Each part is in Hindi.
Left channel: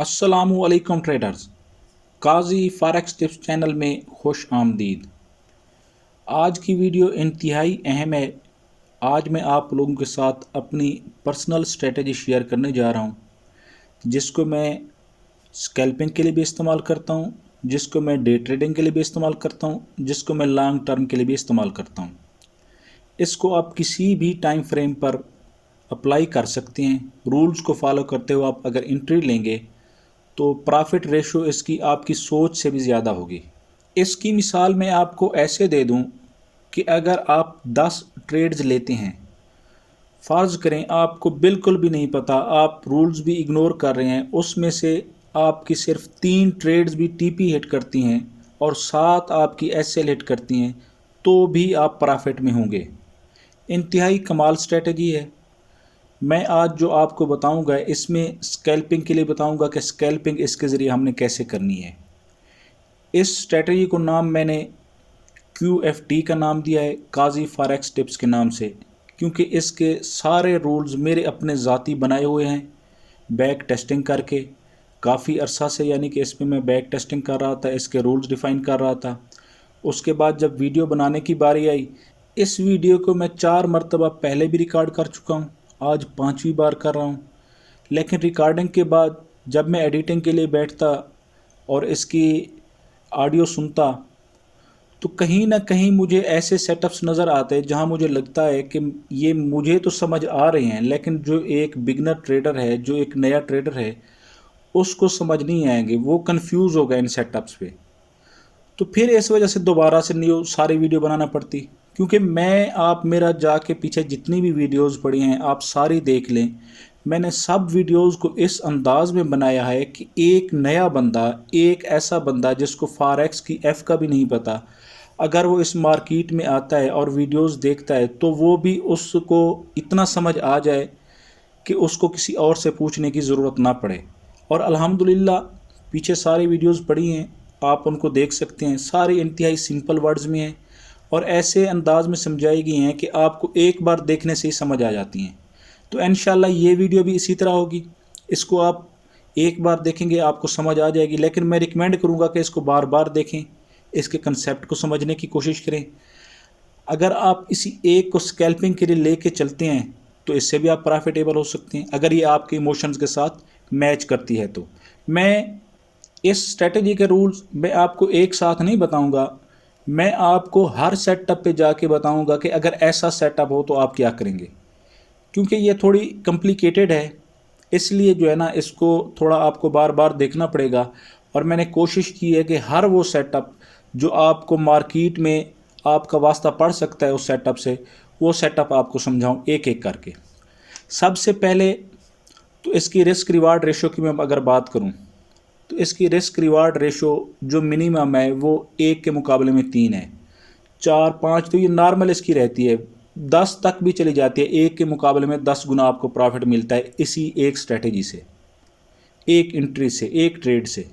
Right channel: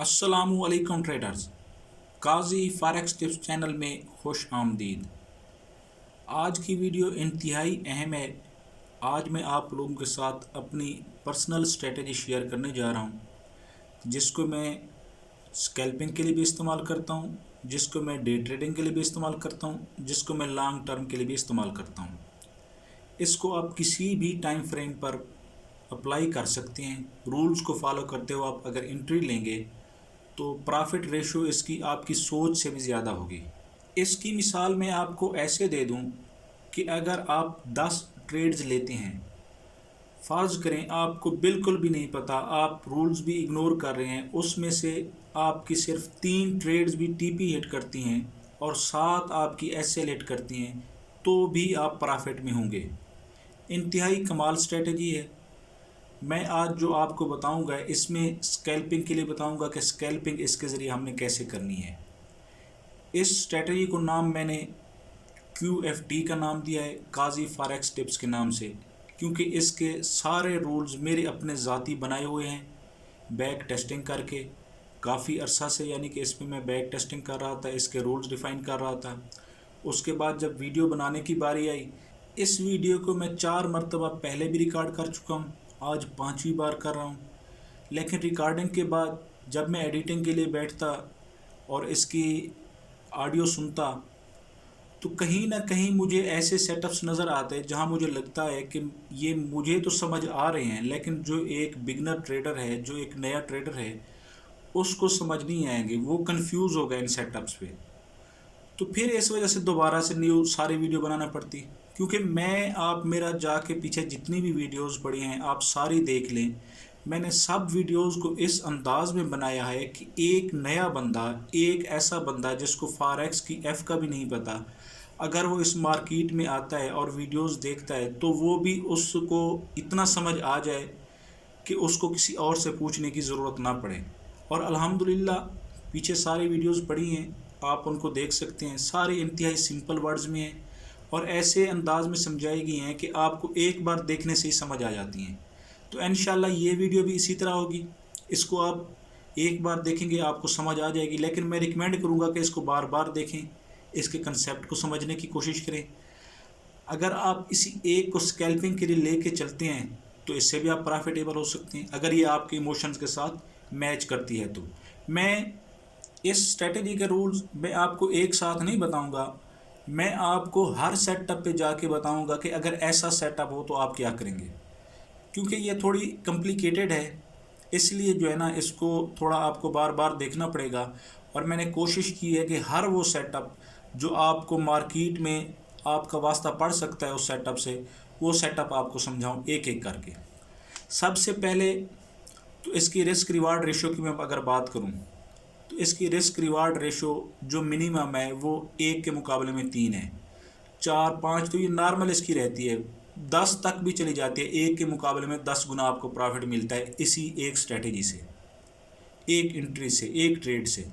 अस्सलामुअलैकुम ट्रेडर्स। काजी फॉरेक्स टिप्स चैनल में खुश आमदीद। आज की वीडियो इंतहाई अहम है। आज मैं आप लोगों के साथ अपनी पर्सनल स्ट्रेटजी शेयर करने जा रहा हूँ, जिसको मैं स्कैल्पिंग के लिए भी इस्तेमाल करता हूँ, जिसको मैं डे ट्रेडिंग के लिए भी इस्तेमाल करता हूँ, जिसको मैं लॉन्ग टर्म के लिए भी इस्तेमाल करता हूँ। इसको आप किसी भी टाइम फ्रेम पर अप्लाई कर सकते हैं। रूल्स को फॉलो करते हुए आप अगर एंट्री लेंगे तो प्रॉफिट रेशो इसकी आपकी सोच से भी ज़्यादा होगी। इसकी मिसाल मैं आपको ऐसे दे दूं कि अगर आप 10 ट्रेड्स लेते हैं, फ़र्ज़ करें आपको बिल्कुल भी नहीं पता, आप रूल्स भी इग्नोर कर रहे हैं, उसमें से आपकी सिर्फ 3 ट्रेड्स भी टीपी हिट करती हैं और 7 आपकी एसएल हिट करती हैं, तो भी आप प्रॉफिट में होंगे। इंतहाई कमाल स्ट्रेटजी है। मैं आज जो आपको बताऊंगा इसमें स्कैल्पिंग के लिए बताऊंगा कि स्कैल्पिंग इसके ज़रिए हमने कैसे करनी है। इस स्ट्रेटजी को नाम मैंने QFT का नाम दिया है, काजी फॉरेक्स टिप्स के नाम से, क्योंकि इसके सारे रूल्स मेरे अपने ज़ाती बनाए हुए हैं बैक टेस्टिंग करके। काफ़ी अरसा से यानी कि इस पर मैं बैक टेस्टिंग कर रहा था, इसके रूल्स डिफ़ाइन कर रहा था। उसके बाद जब वीडियो बनाने की बारी आई, इस वीडियो को मैं 4 मरतबा पहले भी रिकॉर्ड कर चुका हूँ, आज 5वीं बार कर रहा हूँ। लेकिन रिकॉर्डिंग के बाद जब मैं एडिटिंग के लिए बैठता और इसकी ऑडियो सुनता, तो कहीं ना कहीं मुझे ऐसे सेटअप्स नज़र आते हैं जहां मुझे लगता है कि ये मुझे तो समझ आ रहे हैं, लेकिन जो एक बिगनर ट्रेडर है, जो एक नया ट्रेडर है, उसको समझ नहीं आएंगे, वो कंफ्यूज हो गए इन सेटअप्स पे। तो फिर इस वजह से दोबारा से न्यू सारी वीडियो बनाना पड़ती। क्योंकि मैं आप मेरा जाके पीछे जितनी भी वीडियोस पड़ी हैं आप सारी देख लें, मैंने सब वीडियोस को इस अंदाज में बनाया है कि एक नया बंदा, एक ऐसा बंदा जिसको फॉरेक्स की एफ़ का भी नहीं पता, अगर वो इस मार्केट में आता है और वीडियोस देखता है तो वो भी उसको इतना समझ आ जाए कि उसको किसी और से पूछने की ज़रूरत ना पड़े। और अल्हम्दुलिल्लाह पीछे सारी वीडियोस पड़ी हैं, आप उनको देख सकते हैं, सारी इंतहाई सिंपल वर्ड्स में हैं और ऐसे अंदाज में समझाई गई हैं कि आपको एक बार देखने से ही समझ आ जाती हैं। तो इंशाल्लाह ये वीडियो भी इसी तरह होगी। इसको आप एक बार देखेंगे आपको समझ आ जाएगी, लेकिन मैं रिकमेंड करूँगा कि इसको बार बार देखें, इसके कंसेप्ट को समझने की कोशिश करें। अगर आप इसी एक को स्कैल्पिंग के लिए लेके चलते हैं तो इससे भी आप प्रॉफिटेबल हो सकते हैं, अगर ये आपके इमोशंस के साथ मैच करती है तो। मैं इस स्ट्रेटजी के रूल्स मैं आपको एक साथ नहीं बताऊंगा, मैं आपको हर सेटअप पे जाके बताऊंगा कि अगर ऐसा सेटअप हो तो आप क्या करेंगे। क्योंकि ये थोड़ी कॉम्प्लिकेटेड है, इसलिए जो है ना इसको थोड़ा आपको बार बार देखना पड़ेगा। और मैंने कोशिश की है कि हर वो सेटअप जो आपको मार्केट में आपका वास्ता पड़ सकता है उस सेटअप से, वो सेटअप आपको समझाऊं एक एक करके। सबसे पहले तो इसकी रिस्क रिवार्ड रेशो की मैं अगर बात करूं, तो इसकी रिस्क रिवार्ड रेशो जो मिनिमम है वो 1 के मुकाबले में 3 है। 4 5 तो ये नॉर्मल इसकी रहती है, 10 तक भी चली जाती है। 1 के मुकाबले में 10 गुना आपको प्रॉफिट मिलता है इसी एक स्ट्रेटेजी से, एक एंट्री से, एक ट्रेड से।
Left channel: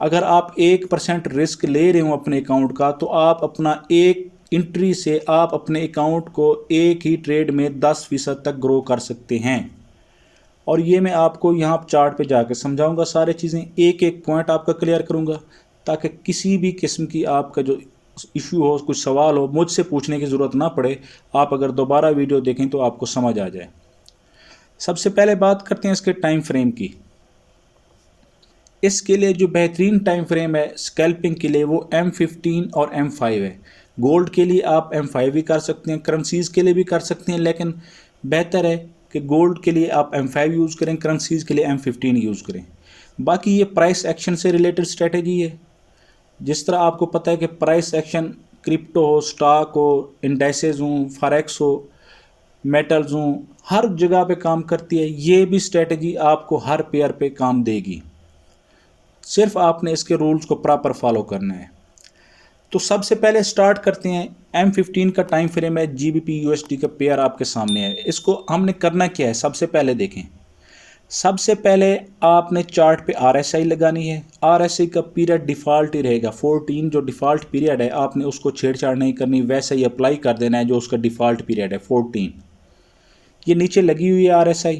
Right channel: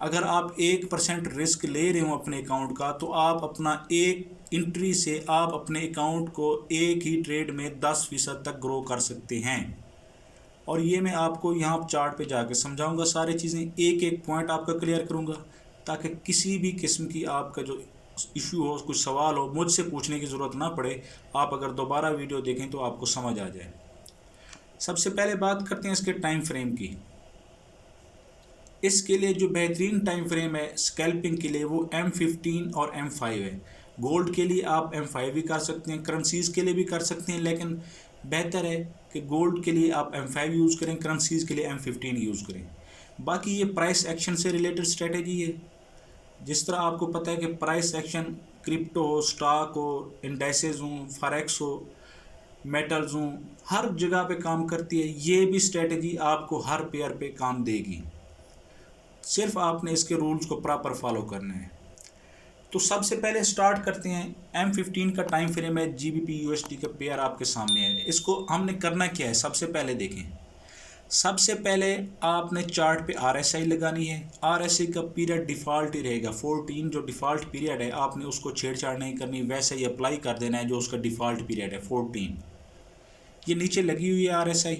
अगर आप 1% रिस्क ले रहे हो अपने अकाउंट का, तो आप अपना एक एंट्री से आप अपने अकाउंट को एक ही ट्रेड में 10% तक ग्रो कर सकते हैं। और ये मैं आपको यहाँ चार्ट पे जाकर समझाऊंगा, सारी चीज़ें एक एक पॉइंट आपका क्लियर करूँगा, ताकि किसी भी किस्म की आपका जो इशू हो, कुछ सवाल हो, मुझसे पूछने की ज़रूरत ना पड़े। आप अगर दोबारा वीडियो देखें तो आपको समझ आ जाए। सबसे पहले बात करते हैं इसके टाइम फ्रेम की। इसके लिए जो बेहतरीन टाइम फ्रेम है स्कैल्पिंग के लिए वो M15 और M5 है। गोल्ड के लिए आप M5 भी कर सकते हैं, करेंसीज़ के लिए भी कर सकते हैं, लेकिन बेहतर है कि गोल्ड के लिए आप M5 यूज़ करें, करेंसीज़ के लिए M15 यूज़ करें। बाकी ये प्राइस एक्शन से रिलेटेड स्ट्रेटजी है। जिस तरह आपको पता है कि प्राइस एक्शन क्रिप्टो हो, स्टॉक हो, इंडेक्सेस हों, फॉरेक्स हो, मेटल्स हों, हर जगह पे काम करती है। ये भी स्ट्रेटजी आपको हर पेयर पे काम देगी, सिर्फ आपने इसके रूल्स को प्रॉपर फॉलो करना है। तो सबसे पहले स्टार्ट करते हैं। M15 का टाइम फ्रेम है, GBP USD का पेयर आपके सामने है। इसको हमने करना क्या है, सबसे पहले देखें। सबसे पहले आपने चार्ट पे RSI लगानी है। RSI का पीरियड डिफ़ॉल्ट ही रहेगा 14, जो डिफ़ॉल्ट पीरियड है आपने उसको छेड़छाड़ नहीं करनी, वैसे ही अप्लाई कर देना है जो उसका डिफ़ॉल्ट पीरियड है 14। ये नीचे लगी हुई है RSI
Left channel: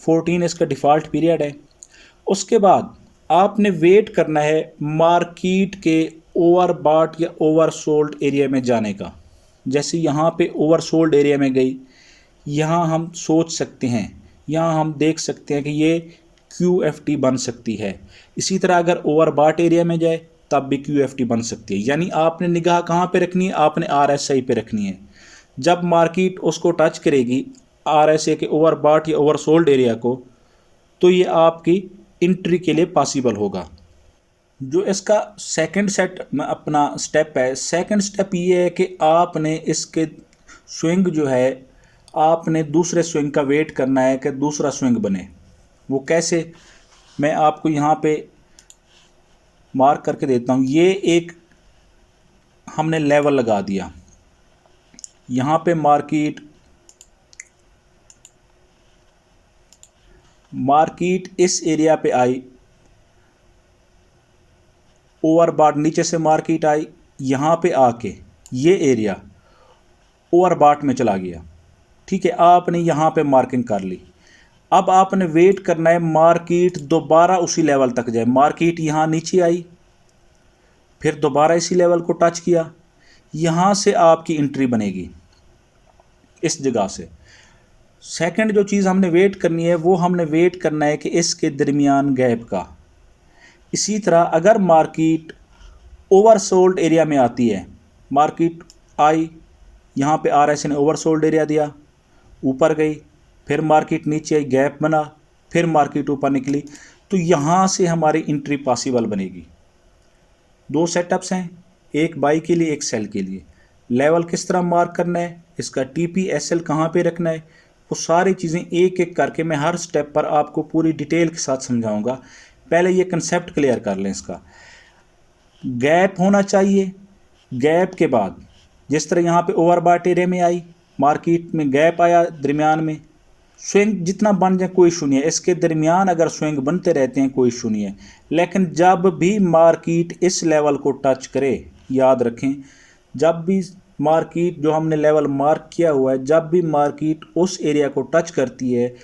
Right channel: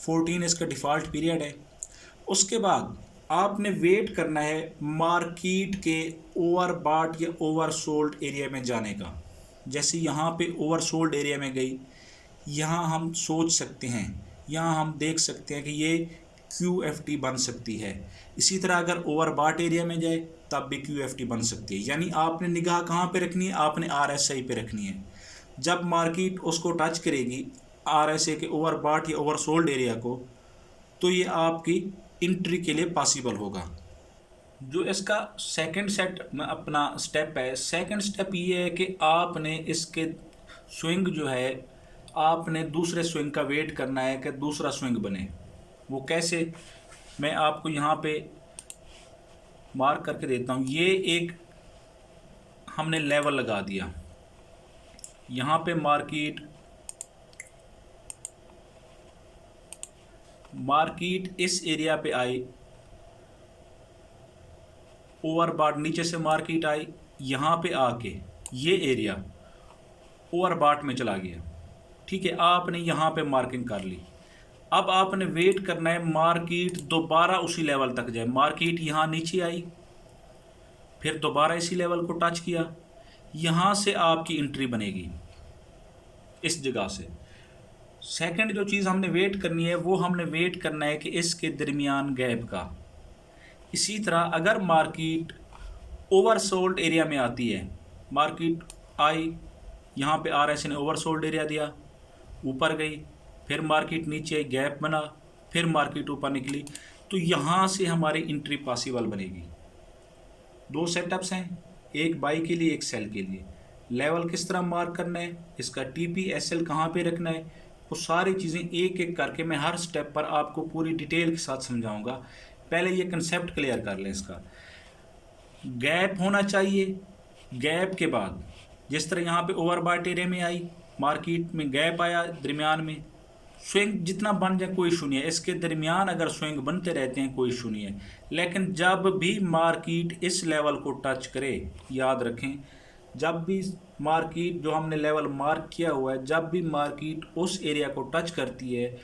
14, इसका डिफ़ॉल्ट पीरियड है। उसके बाद आपने वेट करना है मार्केट के ओवरबॉट या ओवरसोल्ड एरिया में जाने का। जैसे यहाँ पे ओवरसोल्ड एरिया में गई, यहाँ हम सोच सकते हैं, यहाँ हम देख सकते हैं कि ये QFT बन सकती है। इसी तरह अगर ओवरबॉट एरिया में जाए तब भी QFT बन सकती है। यानी आपने निगाह कहाँ पे रखनी है, आपने RSI पे रखनी है। जब मार्केट उसको टच करेगी RSI के ओवरबॉट या ओवरसोल्ड एरिया को, तो ये आपकी एंट्री के लिए पॉसिबल होगा। जो इसका सेकंड सेट में अपना स्टेप है, सेकंड स्टेप ये है कि आपने इसके स्विंग जो है, आपने दूसरे स्विंग का वेट करना है कि दूसरा स्विंग बने। वो कैसे, मैं आपको यहाँ पे मार्क करके देता हूँ। ये एक हमने लेवल लगा दिया, यहाँ पे मार्केट इस एरिया पे आई, ओवरबॉट नीचे से मार्केट आई, यहाँ पे आके ये एरिया ओवरबॉट में चला गया। ठीक है, आपने यहाँ पे मार्किंग कर ली। अब आपने वेट करना है मार्केट दोबारा उसी लेवल तक जाए। मार्केट यहाँ नीचे आई, फिर दोबारा इसी लेवल को टच किया, यहाँ से आपकी एंट्री बनेगी इस जगह से। सेकंड जो चीज़ हमने वेट करनी है, वो हमने वेट करना है कि इसके दरमियान गैप का। इसी तरह अगर मार्केट ओवरसोल्ड एरिया में आती है, मार्केट आई, यहाँ पे RSI ने ओवरसोल्ड एरिया दिया, ऊपर गई, फिर मार्केट नीचे आई, गैप बना, फिर मार्केट ऊपर निकली, तो यहाँ से हमारी एंट्री पॉसिबल बनेगी। दो सेटअप्स हैं, एक बाई के लिए, एक सेल के लिए। लेवल किस तरह मार्क करना है, इसका TP SL कहाँ पे रखना है, वो सारी चीज़ें एक एक करके मैं हर स्टेप पर आपको पूरी डिटेल के साथ समझाऊंगा। पहले ये कंसेप्ट क्लियर कर लें इसका। गैप होना चाहिए, गैप के बाद जिस तरह यहाँ पे ओवरबॉट एरिया में आई, मार्केट में गैप आया, दरमियान में स्विंग जितना बन जाए कोई इशू नहीं है। इसके दरमियान अगर स्विंग बनते रहते हैं कोई इशू नहीं है, लेकिन जब भी मार्केट इस लेवल को टच करे, याद रखें, जब भी मार्केट जो हमने लेवल मार्क किया हुआ है, जब भी मार्केट उस एरिया को टच करती है,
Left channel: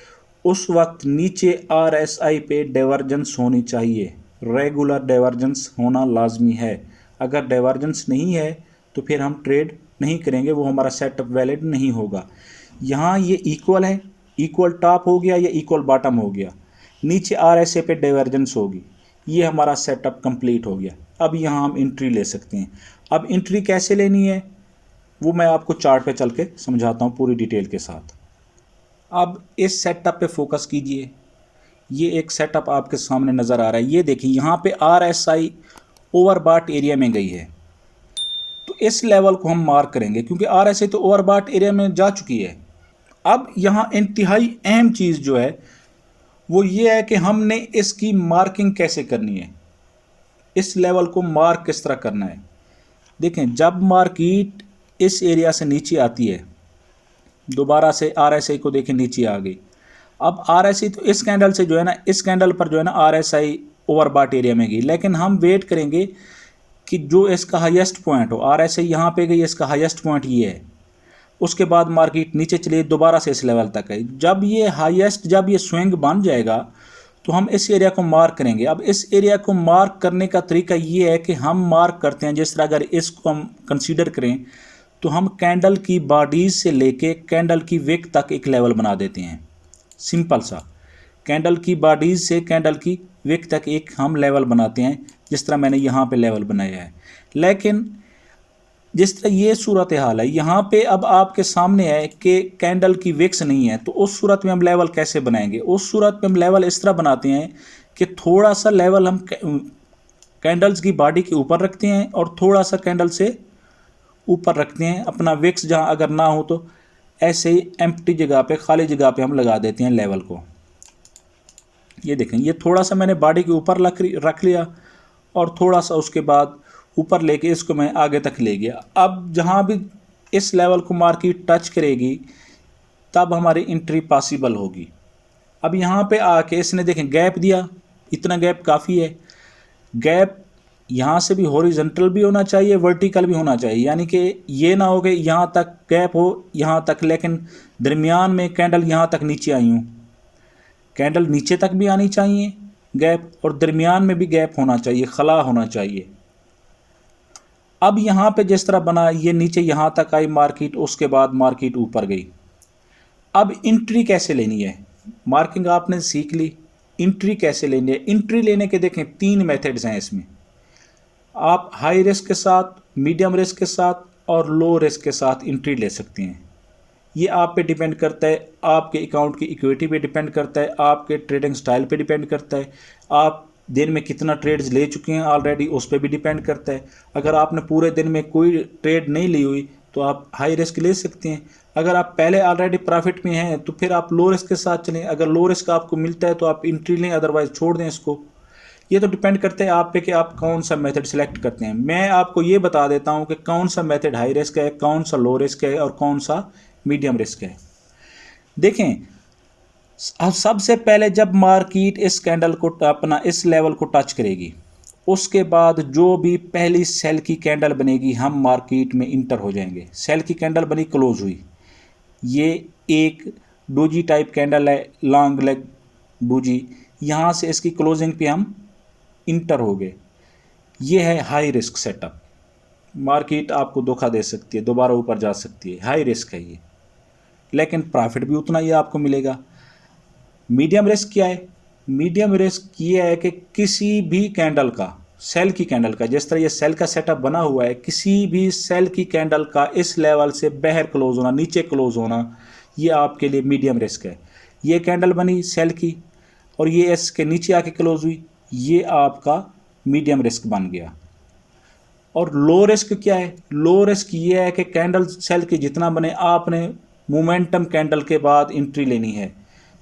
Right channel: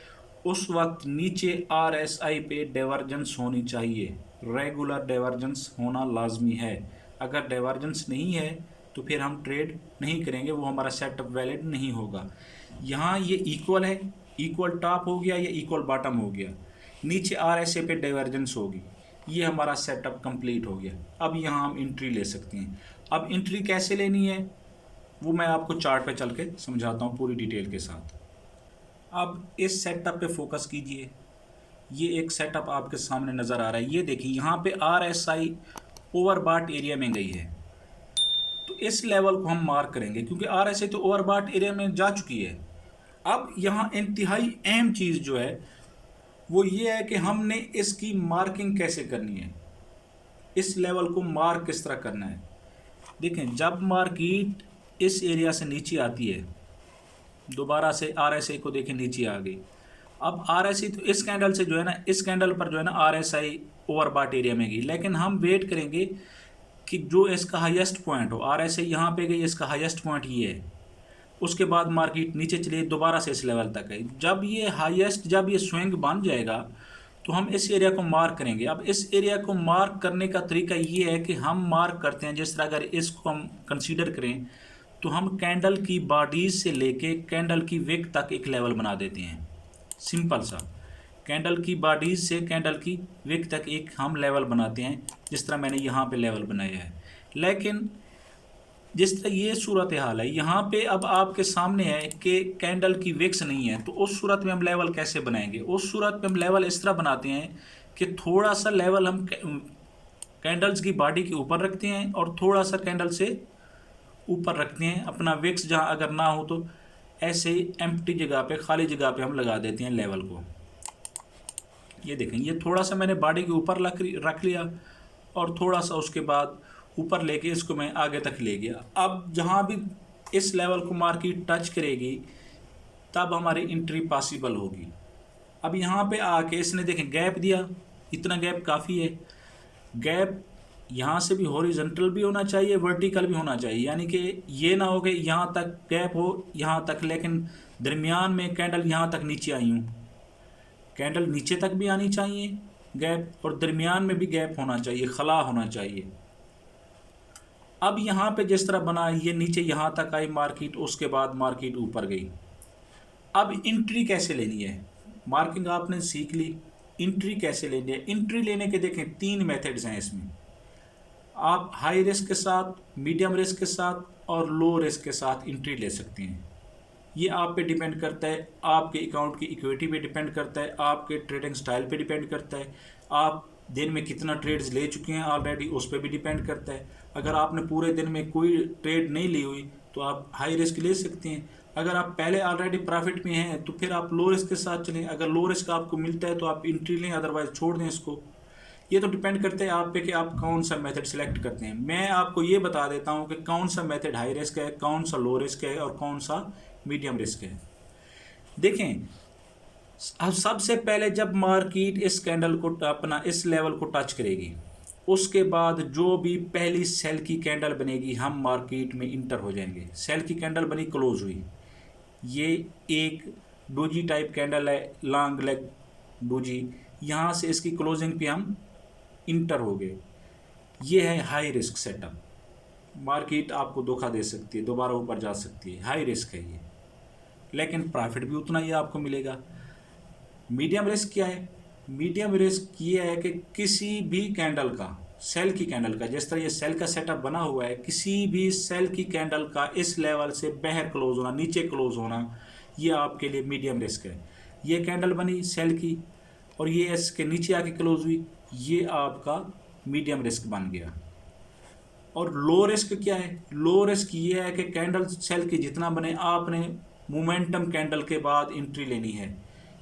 उस वक्त नीचे RSI पे डाइवर्जेंस होनी चाहिए। रेगुलर डाइवर्जेंस होना लाजमी है। अगर डाइवर्जेंस नहीं है तो फिर हम ट्रेड नहीं करेंगे, वो हमारा सेटअप वैलिड नहीं होगा। यहाँ ये इक्वल है, इक्वल टॉप हो गया या इक्वल बॉटम हो गया, नीचे RSI पे डाइवर्जेंस होगी, ये हमारा सेटअप कंप्लीट हो गया। अब यहाँ हम एंट्री ले सकते हैं। अब एंट्री कैसे लेनी है वो मैं आपको चार्ट पे चल के समझाता हूँ पूरी डिटेल के साथ। अब इस सेटअप पे फोकस कीजिए। ये एक सेटअप आपके सामने नज़र आ रहा है। ये देखिए यहाँ पे RSI ओवरबॉट एरिया में गई है, तो इस लेवल को हम मार्क करेंगे क्योंकि RSI तो ओवरबॉट एरिया में जा चुकी है। अब यहाँ इंतहाई अहम चीज़ जो है वो ये है कि हमने इसकी मार्किंग कैसे करनी है, इस लेवल को मार्क किस तरह करना है। देखें, जब मार्केट इस एरिया से नीचे आती है, दोबारा से RSI को देखें नीचे आ गई। अब RSI तो इस कैंडल से जो है ना, इस कैंडल पर जो है ना RSI ओवरबॉट एरिया में गई, लेकिन हम वेट करेंगे कि जो इसका हाईएस्ट पॉइंट हो। RSI यहाँ पे गई, इसका हाईएस्ट पॉइंट ये है, उसके बाद मार्केट नीचे चली, दोबारा से इस लेवल तक आई। जब ये हाईएस्ट, जब ये स्विंग बन जाएगा तो हम इस एरिया को मार्क करेंगे। अब इस एरिया को मार्क करने का तरीका ये है कि हम मार्क करते हैं, जिस तरह अगर इसको हम कंसीडर करें तो हम कैंडल की बॉडीज से लेके कैंडल की विक तक एक लेवल बना देते हैं। सिंपल सा, कैंडल की बॉडीज से कैंडल की विक तक एक हम लेवल बनाते हैं, जिस तरह मैंने यहाँ पे लेवल बनाया है। लेकिन जिस तरह ये सूरत हाल है, यहाँ पे अब आपके सामने है कि कैंडल की विक्स नहीं है, तो उस सूरत में हम लेवल कैसे बनाएंगे। उस सूरत में हम लेवल इस तरह बनाते हैं कि थोड़ा सा लेवल हम कैंडल्स की बॉडी के ऊपर रखते हैं और थोड़ा सा कैंडल से ऊपर रखते हैं। अपना विक्स जहाँ अगर ना हो तो ऐसे ही एम्प्टी जगह पे, खाली जगह पे हम लगा देते हैं लेवल को। ये देखें, ये थोड़ा सा मैंने बॉडी के ऊपर रख लिया और थोड़ा सा उसके बाद ऊपर लेके इसको मैं आगे तक ले गया। अब जहाँ भी इस लेवल को मार्केट टच करेगी तब हमारी एंट्री पॉसिबल होगी। अब यहाँ पे आके इसने देखें गैप दिया, इतना गैप काफ़ी है। गैप यहाँ से भी हॉरिजॉन्टल भी होना चाहिए, वर्टिकल भी होना चाहिए, यानी कि ये ना हो कि यहाँ तक गैप हो, यहाँ तक, लेकिन दरमियान में कैंडल यहाँ तक नीचे आई हूँ। कैंडल नीचे तक भी आनी चाहिए गैप और दरमियान में भी गैप होना चाहिए, खला होना चाहिए। अब यहाँ पे जिस तरह बना, ये नीचे यहाँ तक आई मार्केट, उसके बाद मार्केट ऊपर गई। अब इंट्री कैसे लेनी है, मार्किंग आपने सीख ली, इंट्री कैसे लेनी है। इंट्री लेने के देखें 3 मेथड्स हैं इसमें। आप हाई रिस्क के साथ, मीडियम रिस्क के साथ और लो रिस्क के साथ इंट्री ले सकते हैं। ये आप पे डिपेंड करता है, आपके अकाउंट की इक्विटी पे डिपेंड करता है, आपके ट्रेडिंग स्टाइल पे डिपेंड करता है, आप दिन में कितना ट्रेड्स ले चुके हैं ऑलरेडी उस पर भी डिपेंड करता है। अगर आपने पूरे दिन में कोई ट्रेड नहीं ली हुई तो आप हाई रिस्क ले सकते हैं। अगर आप पहले ऑलरेडी प्रॉफिट में हैं तो फिर आप लो रिस्क के साथ चलें। अगर लो रिस्क आपको मिलता है तो आप इंट्री लें, अदरवाइज छोड़ दें इसको। ये तो डिपेंड करता है आप पे कि आप कौन सा मेथड सेलेक्ट करते हैं। मैं आपको ये बता देता हूँ कि कौन सा मेथड हाई रिस्क है, कौन सा लो रिस्क है और कौन सा मीडियम रिस्क है। देखें, अब सबसे पहले जब मार्केट इस कैंडल को अपना इस लेवल को टच करेगी, उसके बाद जो भी पहली सेल की कैंडल बनेगी हम मार्केट में इंटर हो जाएंगे। सेल की कैंडल बनी, क्लोज हुई, ये एक डोजी टाइप कैंडल है, लॉन्ग लेग डोजी, यहाँ से इसकी क्लोजिंग पे हम इंटर हो गए। ये है हाई रिस्क सेटअप। मार्केट आपको धोखा दे सकती है, दोबारा ऊपर जा सकती है, हाई रिस्क है ये, लेकिन प्रॉफिट भी उतना ही आपको मिलेगा। मीडियम रिस्क क्या है? मीडियम रिस्क ये है कि किसी भी कैंडल का, सेल की कैंडल का, जिस तरह ये सेल का सेटअप बना हुआ है, किसी भी सेल की कैंडल का इस लेवल से बाहर क्लोज होना, नीचे क्लोज होना, ये आपके लिए मीडियम रिस्क है। ये कैंडल बनी सेल की और ये इसके नीचे आके क्लोज हुई, ये आपका मीडियम रिस्क बन गया। और लो रिस्क क्या है? लो रिस्क ये है कि कैंडल सेल की जितना बने, आपने मोमेंटम कैंडल के बाद एंट्री लेनी है।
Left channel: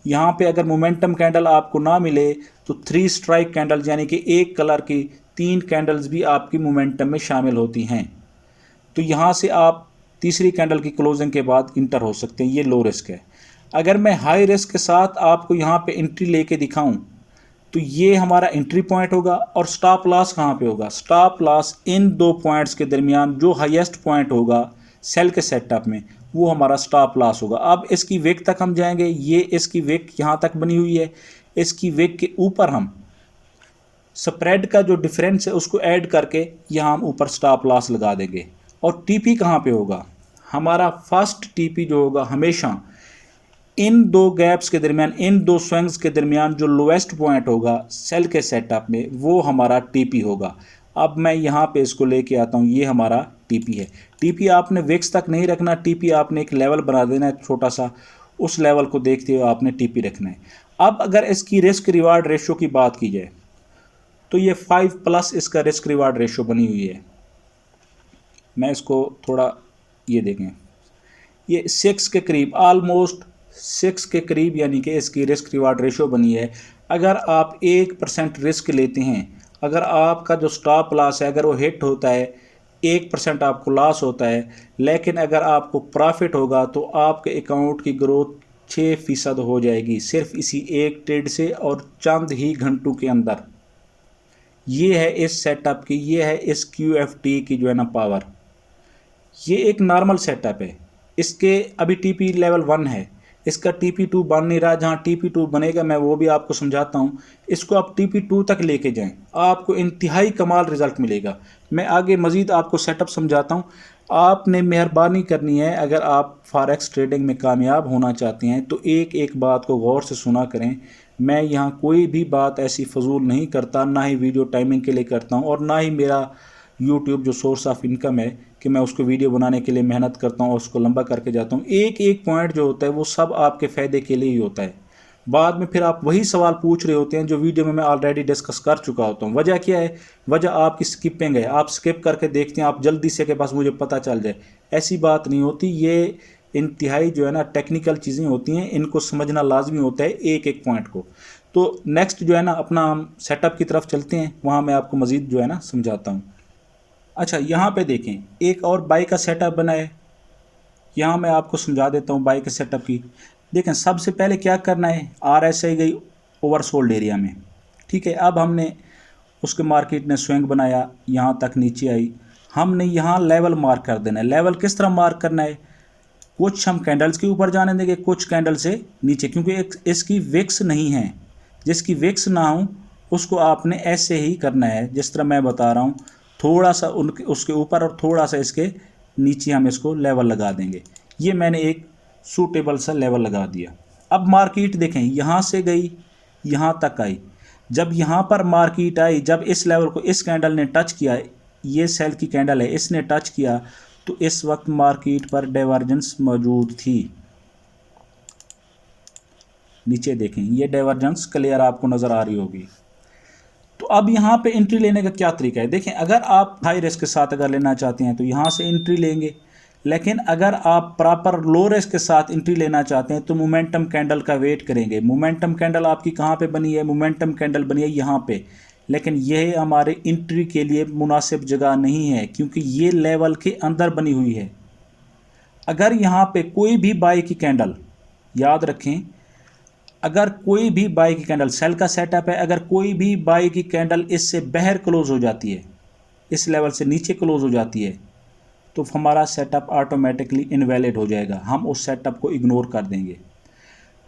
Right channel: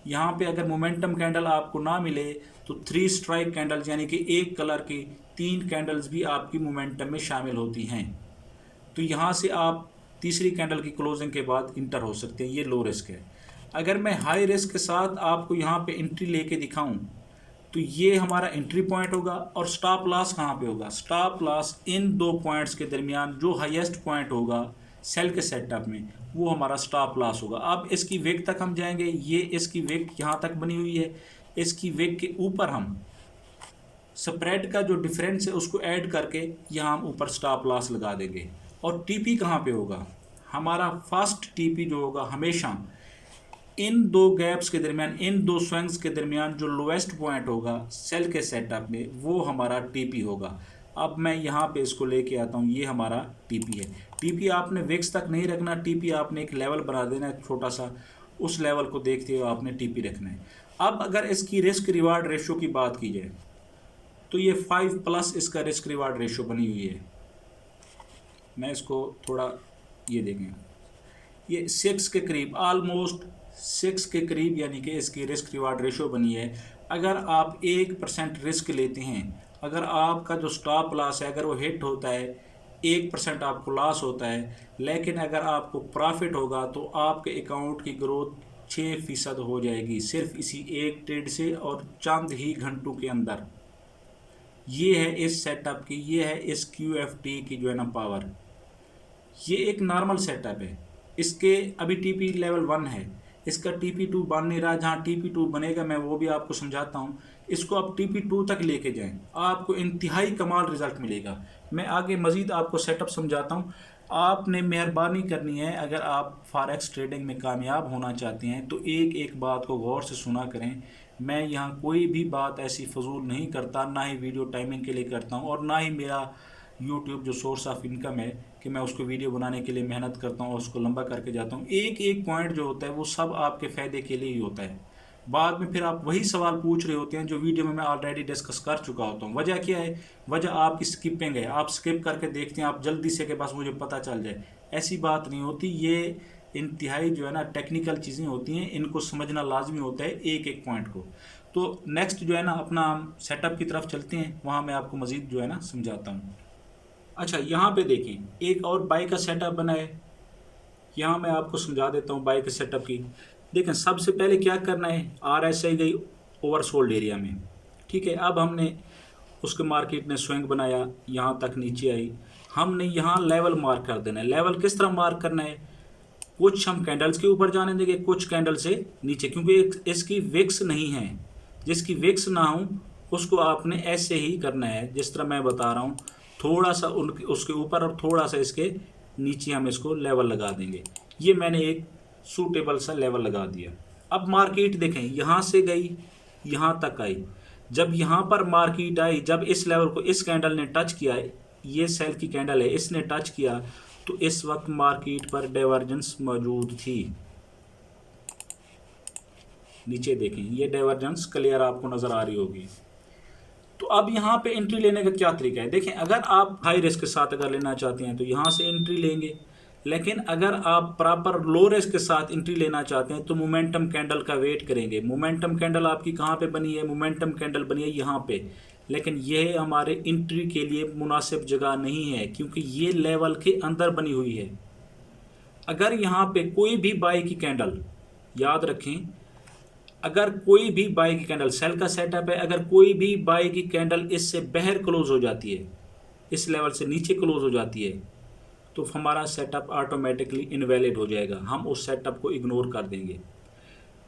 यहाँ पे अगर मोमेंटम कैंडल आपको ना मिले तो 3 स्ट्राइक कैंडल यानी कि एक कलर की 3 कैंडल्स भी आपकी मोमेंटम में शामिल होती हैं। तो यहाँ से आप तीसरी कैंडल की क्लोजिंग के बाद इंटर हो सकते हैं। ये लो रिस्क है। अगर मैं हाई रिस्क के साथ आपको यहाँ पे एंट्री लेके दिखाऊं तो ये हमारा एंट्री पॉइंट होगा। और स्टॉप लॉस कहाँ पे होगा? स्टॉप लॉस इन 2 पॉइंट्स के दरमियान जो हाईएस्ट पॉइंट होगा सेल के सेटअप में, वो हमारा स्टॉप लॉस होगा। अब इसकी विक तक हम जाएंगे। ये इसकी विक यहाँ तक बनी हुई है, इसकी विक के ऊपर हम स्प्रेड का जो डिफरेंस है उसको ऐड करके यहाँ हम ऊपर स्टॉप लॉस लगा देंगे। और टीपी कहाँ पे होगा? हमारा फर्स्ट टीपी जो होगा हमेशा इन 2 गैप्स के दरमियान, इन 2 स्विंग्स के दरमियान जो लोएस्ट पॉइंट होगा सेल के सेटअप में, वो हमारा टीपी होगा। अब मैं यहाँ पे इसको लेके आता हूँ, ये हमारा टीपी है। टीपी आपने विक्स तक नहीं रखना, टीपी आपने एक लेवल बना देना है छोटा सा, उस लेवल को देखते हुए आपने टीपी रखना है। अब अगर इसकी रिस्क रिवार्ड रेशो की बात की जाए तो ये 5+ इसका रिस्क रिवार्ड रेशो बनी हुई है। मैं इसको थोड़ा ये देखें, ये 6 के करीब, ऑलमोस्ट 6 के करीब यानी कि इसकी रिस्क रिवार्ड रेशो बनी है। अगर आप 1% रिस्क लेते हैं, अगर आपका जो स्टॉप लॉस है अगर वो हिट होता है, 1% आपको लॉस होता है, लेकिन अगर आपको प्रॉफिट होगा तो आपके अकाउंट की ग्रोथ 6% हो जाएगी सिर्फ इसी एक ट्रेड से और चंद ही घंटों के अंदर। ये है इस सेटअप की, ये है इस QFT की जो है ना पावर। ये एक नॉर्मल सेटअप है। इसके अभी TP लेवल 1 है, इसका TP2 बन नहीं रहा। जहाँ TP2 बनेगा मैं वो भी आपको समझाता हूँ। इसको आप TP2 तक लेके जाएं, आपको इंतहाई कमाल रिज़ल्ट मिलेगा। मैं आगे मज़ीद आपको सेटअप समझाता हूँ। आपने मेहरबानी करनी है, अगर आप फॉरेक्स ट्रेडिंग में कामयाब होना चाहते हैं तो एक एक बात को गौर से सुना करें। मैं यहाँ कोई भी बात ऐसी फजूल नहीं करता, ना ही वीडियो टाइमिंग के लिए करता हूँ और ना ही मेरा यूट्यूब जो सोर्स ऑफ इनकम है कि मैं उसको वीडियो बनाने के लिए मेहनत करता हूँ और उसको लंबा करके जाता हूँ। एक एक पॉइंट जो होता है वो सब आपके फ़ायदे के लिए ही होता है। बाद में फिर आप वही सवाल पूछ रहे होते हैं जो वीडियो में मैं ऑलरेडी डिस्कस कर चुका होता हूँ। वजह क्या है? वजह आपकी स्किपिंग है। आप स्किप करके देखते हैं, आप जल्दी से कि बस मुझे पता चल जाए, ऐसी बात नहीं होती। ये इंतहाई जो है ना टेक्निकल चीज़ें होती हैं, इनको समझना लाजमी होता है एक एक पॉइंट को। तो नेक्स्ट जो है ना अपना हम सेटअप की तरफ चलते हैं, वहाँ मैं आपको मज़ीद जो है ना समझाता हूँ। अच्छा, यहाँ पे देखें, एक और बाई का सेटअप बना है। यहाँ मैं आपको समझा देता हूँ बाई के सेटअप की। देखें, सबसे पहले क्या करना है, RSI गई ओवरसोल्ड एरिया में, ठीक है। अब हमने उसके मार्केट ने स्विंग बनाया, यहाँ तक नीचे आई, हमने यहाँ लेवल मार्क कर देना है। लेवल किस तरह मार्क करना है? कुछ हम कैंडल्स के ऊपर जाने देंगे, कुछ कैंडल से नीचे, क्योंकि इसकी विक्स नहीं है। जिसकी विक्स ना हो उसको आपने ऐसे ही करना है जिस तरह मैं बता रहा हूँ, थोड़ा सा उनके उसके ऊपर और थोड़ा सा इसके नीचे हम इसको लेवल लगा देंगे। ये मैंने एक सूटेबल सा लेवल लगा दिया। अब मार्केट देखें, यहाँ से गई यहाँ तक आई। जब यहाँ पर मार्केट आई, जब इस लेवल को इस कैंडल ने टच किया, ये सेल की कैंडल है, इसने टच किया, तो इस वक्त मार्केट पर डाइवर्जेंस मौजूद थी। नीचे देखें, ये डाइवर्जेंस क्लियर आपको नज़र आ रही होगी। तो अब यहाँ पे एंट्री लेने का क्या तरीका है? देखें, अगर आप हाई रिस्क के साथ अगर लेना चाहते हैं तो यहाँ से एंट्री लेंगे, लेकिन अगर आप प्रॉपर लो रिस्क के साथ एंट्री लेना चाहते हैं तो मोमेंटम कैंडल का वेट करेंगे। मोमेंटम कैंडल आपकी कहाँ पे बनी है? मोमेंटम कैंडल बनी है यहाँ पे, लेकिन यह हमारे एंट्री के लिए मुनासिब जगह नहीं है क्योंकि ये लेवल के अंदर बनी हुई है। अगर यहाँ पे कोई भी बाय की कैंडल, याद रखें, अगर कोई भी बाय की कैंडल, सेल का सेटअप है, अगर कोई भी बाय की कैंडल इससे बाहर क्लोज हो जाती है, इस लेवल से नीचे क्लोज हो जाती है, तो हमारा सेटअप ऑटोमेटिकली इनवैलिड हो जाएगा। हम उस सेटअप को इग्नोर कर देंगे।